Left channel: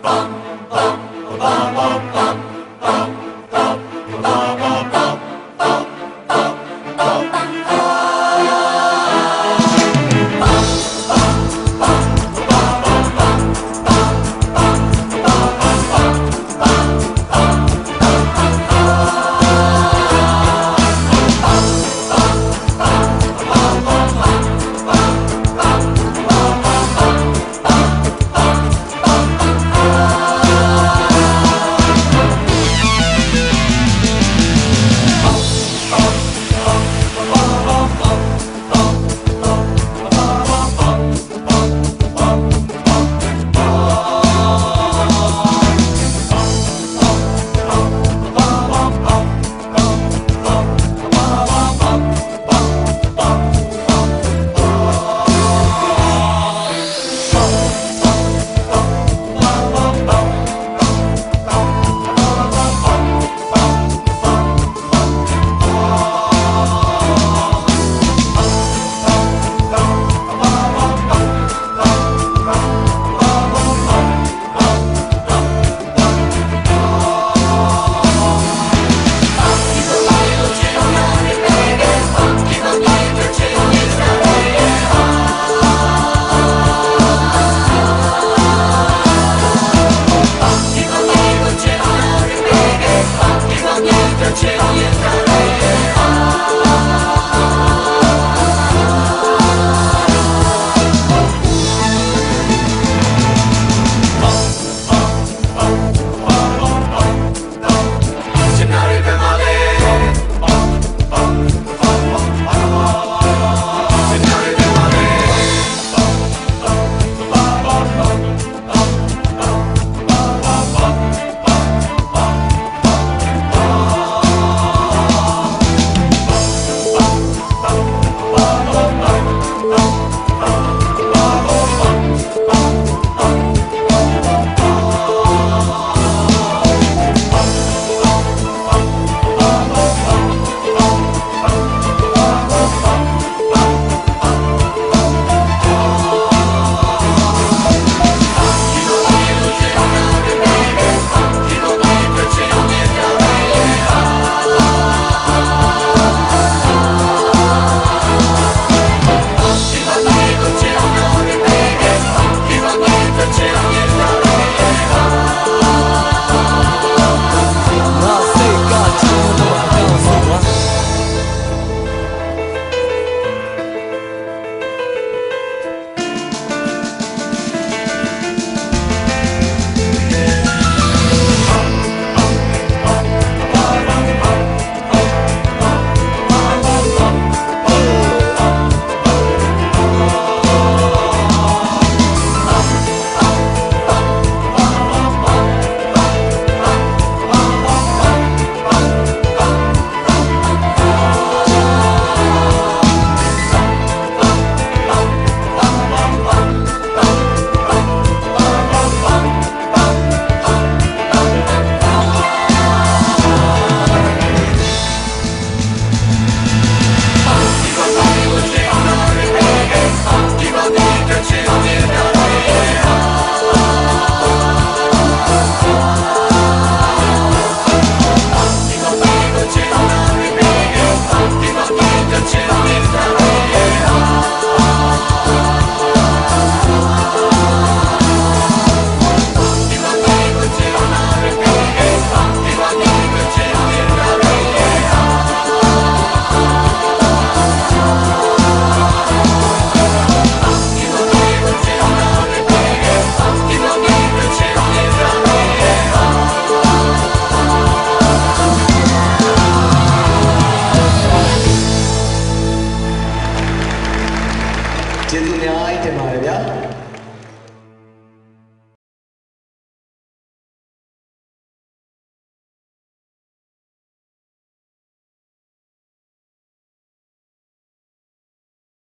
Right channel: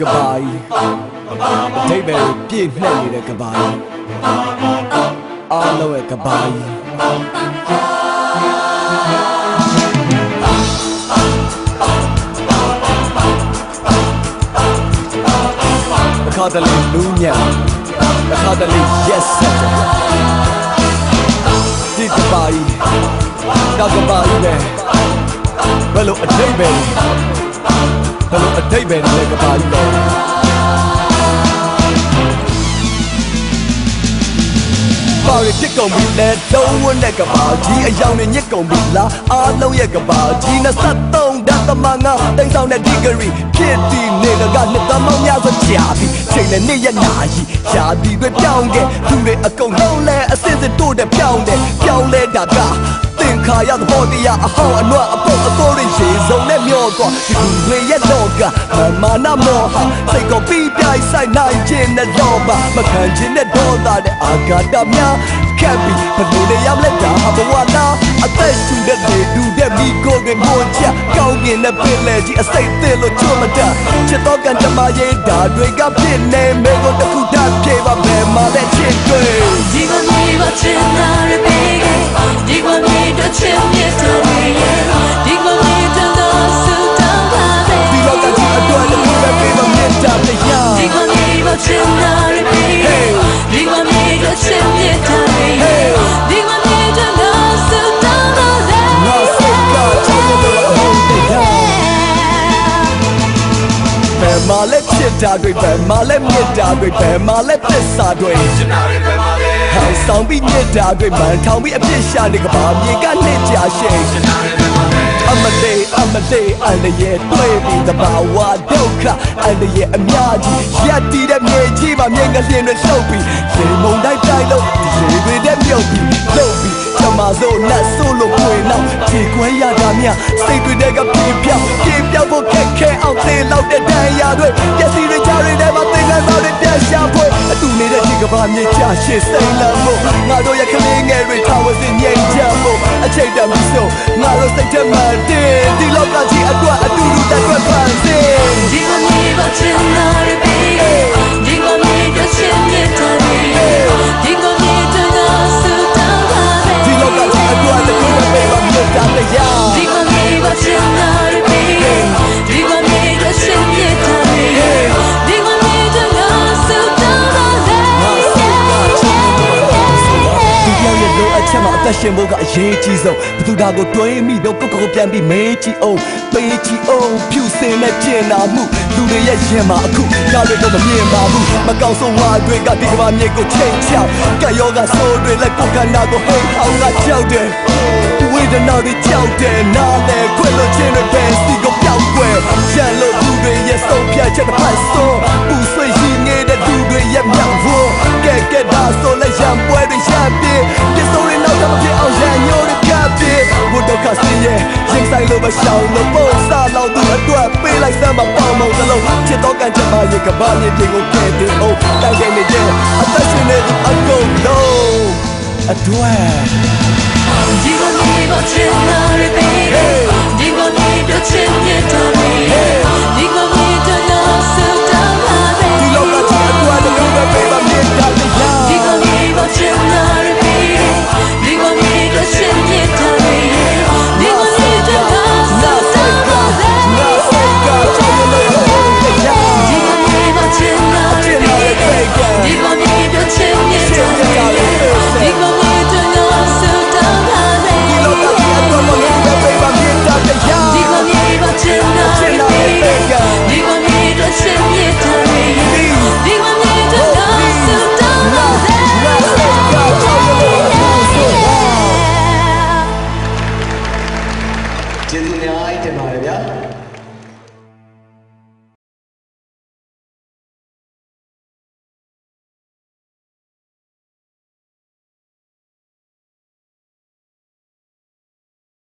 ကဘာကြီးဒိဗယ်ပြည့်နှက်နေတဲ့ကဘာကြီးအာလုံးရဲ့ကဘာကြီး ကုန်ပြီလဲတုံးဝန်းတဲ့ကဘာကြီးအယောင်နဲ့ညစ်ကုန်ပြီလားအားလုံးရဲ့ကဘာကြီးနဲ့ဆက်သုံးတသမန် အဖြစ်ရှာနေကဘာမြေကလက်ချာရှင် မေးကြည့်ဆုံးဘသူဒါကိုတွင်းမိတော့ကိုကိုကိုပြန်ပြီးမေးကြည့်အောင်ပေးကြည့်အောင်ဖြူစင်နဲ့ပြင်လာမှုသူတွေရဲ့ရင်မှာအခုလာလို့တော့မပြင်ပါဘူးမကောင်းဆုံးဟာတွေကဒီမှာ away.